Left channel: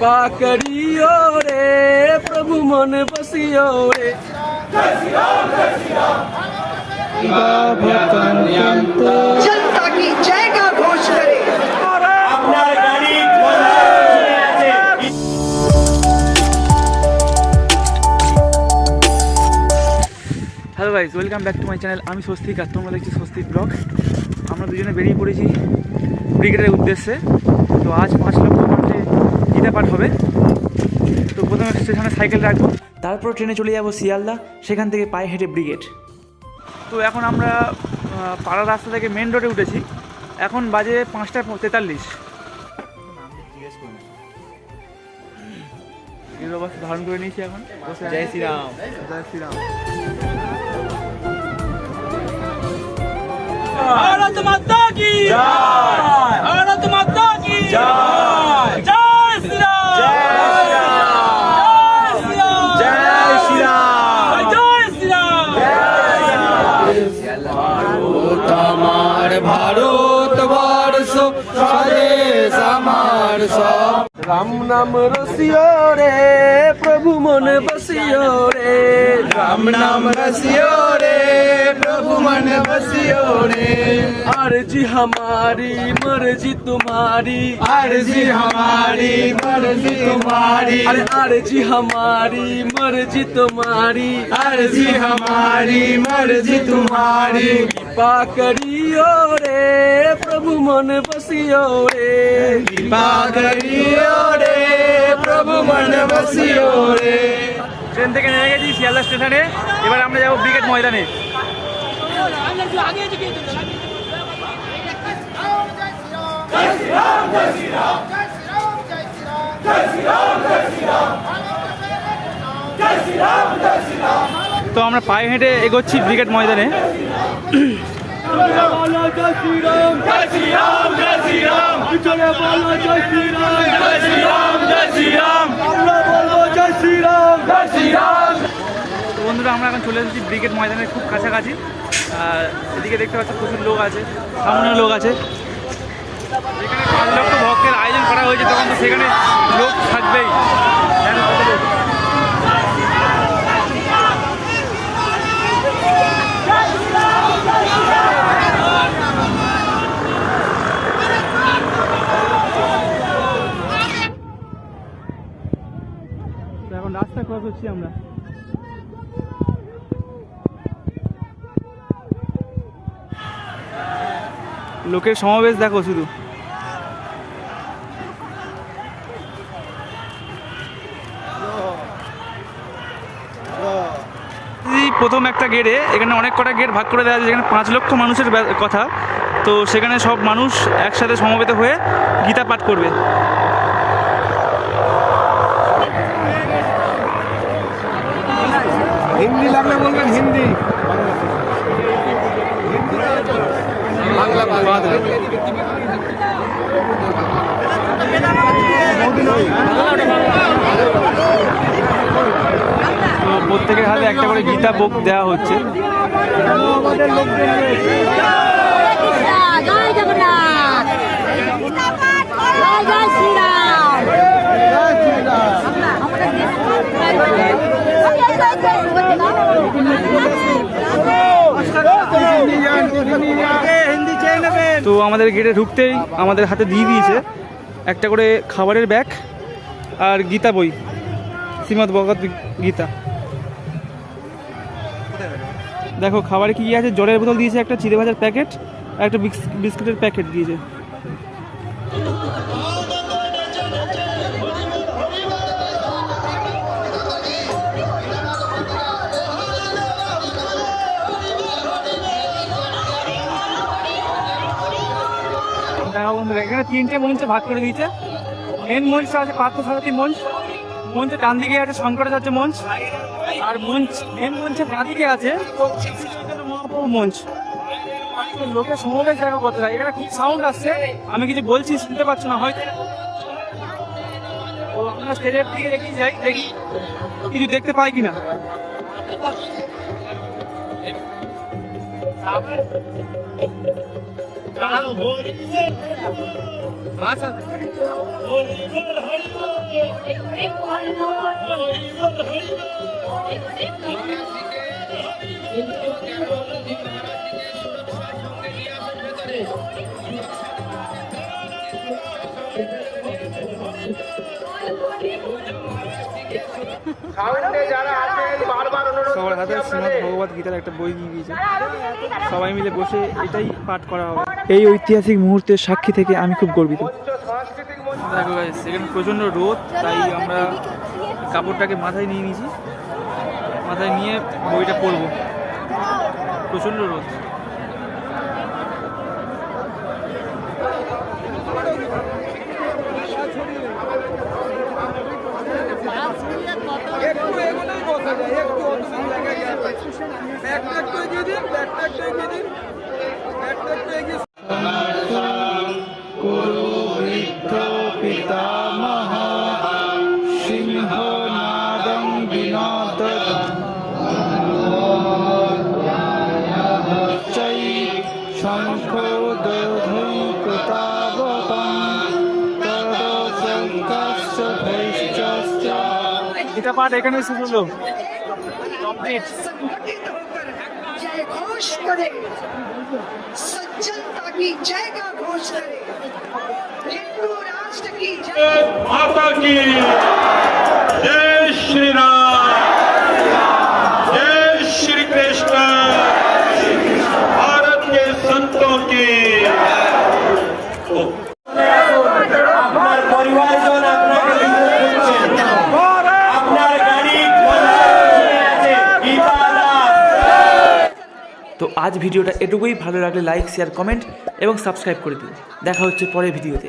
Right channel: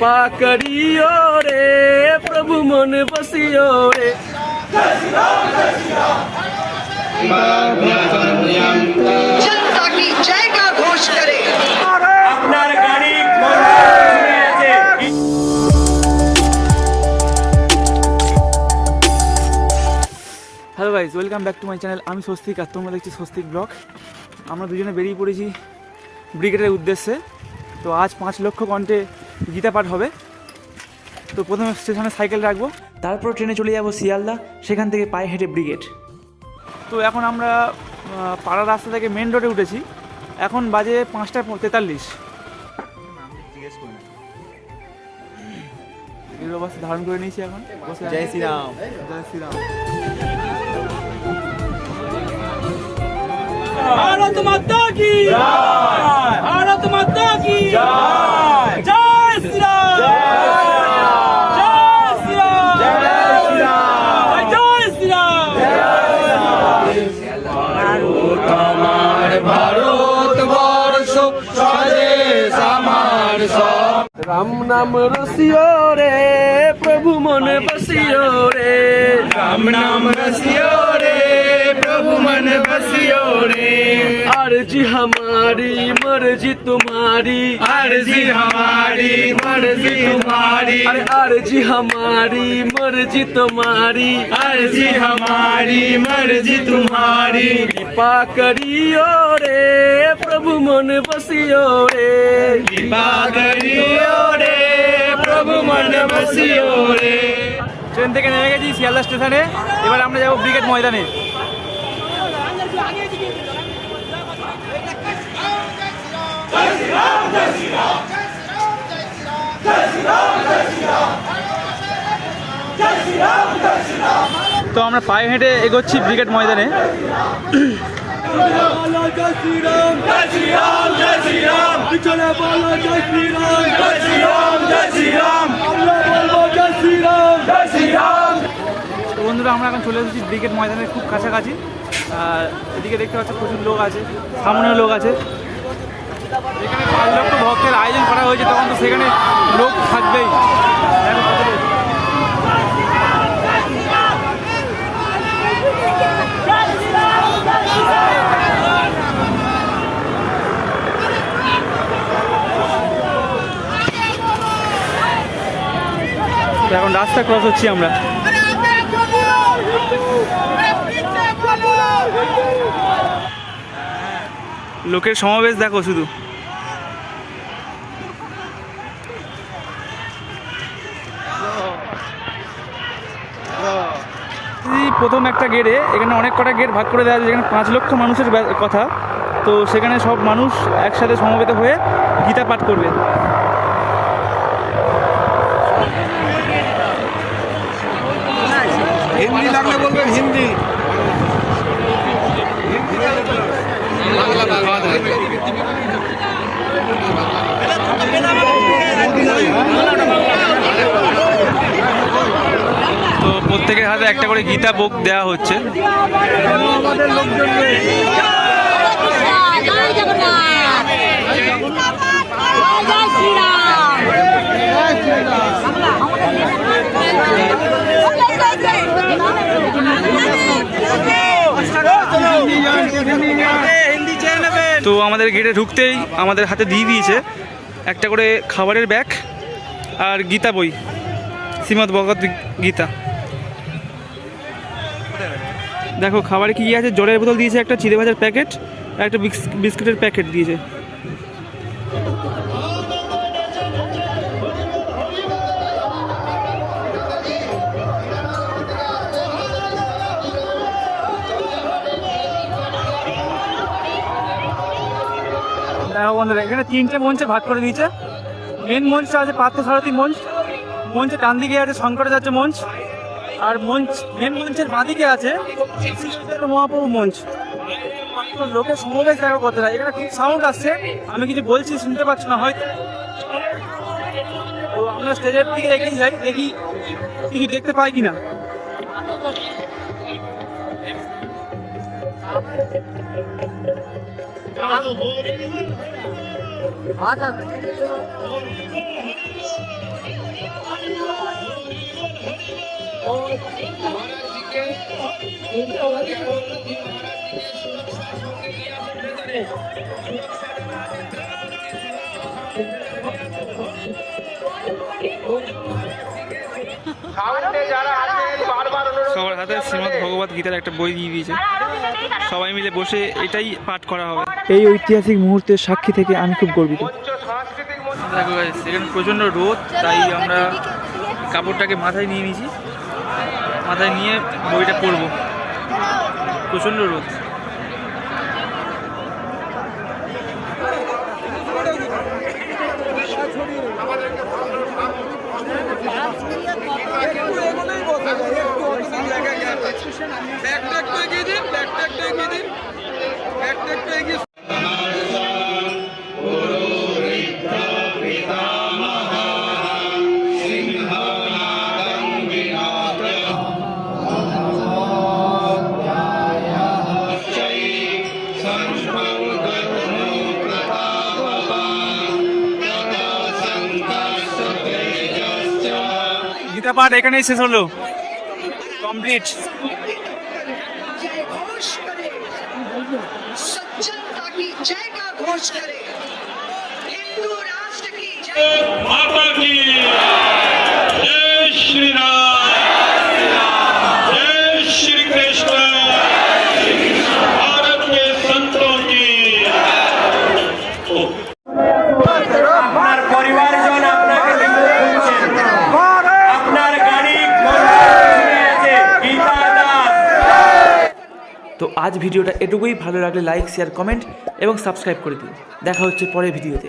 कृपा करियो रे प्रभु मन बसियो रे। जनता की जय का घोष करे। Hello guys, welcome back to my channel. আমি স্বস্তিক আর তোমরা দেখছি স্বস্তিক ব্লগ। আমরা দুজনে বেরিয়ে পড়েছি ব্রিগেডের উদ্দেশ্যে। তো আজ 5 লক্ষ কণ্ঠে গীতা পাঠ হবে। তো প্রথমে স্টেশনে সাইকেল রাখবো, তারপর ট্রেনে চলে যাবো শিয়ালদা, সেখান থেকে পায়ে হেঁটে ব্রিগেড। তো এখন আমরা পাড়া রাস্তা থেকে মেন রোডে উঠেছি। এখন বাজে 5টা 43। এই অবস্থা ধারণ করে নিয়েছি এখন বসে। জয় শ্রীরাম, জয় শ্রীরাম। भारत माता की जय, भारत माता की जय, जय श्री राम, जय श्री राम, जय श्री राम, जय श्री राम, जय श्री राम। भारत वर्ष स्वदेश हमार सब। राम नाम रसियो रे प्रभु मन बसियो रे। राम नाम रसियो रे प्रभु मन बसियो रे। अर्जी हमारी मर्जी तुम्हारी, अर्जी हमारी मर्जी तुम्हारी, अर्जी हमारी मर्जी तुम्हारी, अर्जी हमारी मर्जी तुम्हारी। कृपा करियो रे प्रभु मन बसियो रे। कृपा करियो रे प्रभु मन बसियो रे। ট্রেন থেকে নেমে গেছি শিয়ালদা স্টেশনে। এবার আমরা যাবো ব্রিগেড ময়দানে। তো আমরা পায়ে হেঁটে এগোচ্ছি ব্রিগেড ময়দানে। তো বন্ধুরা, আমরা এখন চলে এসেছি ব্রিগেড ময়দানের খুব কাছাকাছি। আর এদিকে দেখতে পাচ্ছি প্রচুর লোক আছে, সামান্য লোক আছে। এখানে 5 লক্ষ ভক্তের আয়োজন করা হয়েছে, তখন তো সেখানে লোক থাকবেই। দেখো কত লোক। এখন রাস্তা ক্রস হচ্ছি আমরা। লোকের সমাবেশ দেখো শুধু। প্রথম একটা গেটে, এখানে অনেক কটা গেট ভাগ করে দেওয়া আছে, যেখানে 5 লক্ষ মানুষের কথা। তো সেখানে সব মানুষ একসাথে সমবেত হয়ে গীতা পাঠ করবে। হিন্দি লাগলে বলবেন, হিন্দি। তো প্রত্যেকের হাতে একটা করে গীতা বুক দেওয়া হচ্ছে। তো আমাদের গেটে ঢুকতেই আমাদের হাতে দিয়ে দিয়েছে একটা করে খাবারের ব্যাগ আর গীতা বই, শ্রীমদ্ ভগবত গীতা। দেখো খাবারে কি আছে, জলের বোতল দিয়েছে, একটা চিড়ে ভাজার প্যাকেট আর একটা বিস্কুটের প্যাকেট দিয়েছে। দেখো বন্ধুরা, এখানে 3টে মঞ্চে ভাগ করে দিয়েছে। মেন মঞ্চ আছে পার্থসারথী মঞ্চ, মঞ্চের ডান দিকে আছে শঙ্করাচার্য মঞ্চ, আর মেন মঞ্চের বাঁদিকে আছে মহাপ্রভু মঞ্চ। তো লোকের সমাবেশ দেখো কতটা। এখানে খুব সাউন্ড আসছে, আমি কিছু বলছি শুনতে পাচ্ছ না হয়তো। তো আমরা স্টেজের দিকে এগিয়ে যাই, দেখি কিছু দেখতে পাই কিনা। সবার হাতে শ্রীমদ্ ভগবত গীতার একটা বই দিয়ে দিয়েছে, সবাই মিলে বসে এটাই পাঠ করা হবে। এই ঐতিহাসিক মুহূর্তের সাক্ষী থেকে আমি খুব গর্বিত। দেখো guys, এখানে প্রচণ্ড রোদ, তাই আমরা কাপড়টাকে মাথায় নিয়ে নিয়েছি, মাথায় নিয়ে বইটা পড়বো। প্রচণ্ড রোদ। গীতা পাঠ এখানেই শেষ হলো, কমপ্লিট। जय घोष करे सज्जनता की जय का घोष करे हिंदू राष्ट्र की जय। माता की जय श्री राम, जय श्री कृष्ण, भारत के संतों की। তো আজ ভিডিওটা এটুকুই। ভালো লাগলে লাইক, শেয়ার, কমেন্ট এবং সাবস্ক্রাইব করে দিন। দেখা হচ্ছে পরের ভিডিওতে।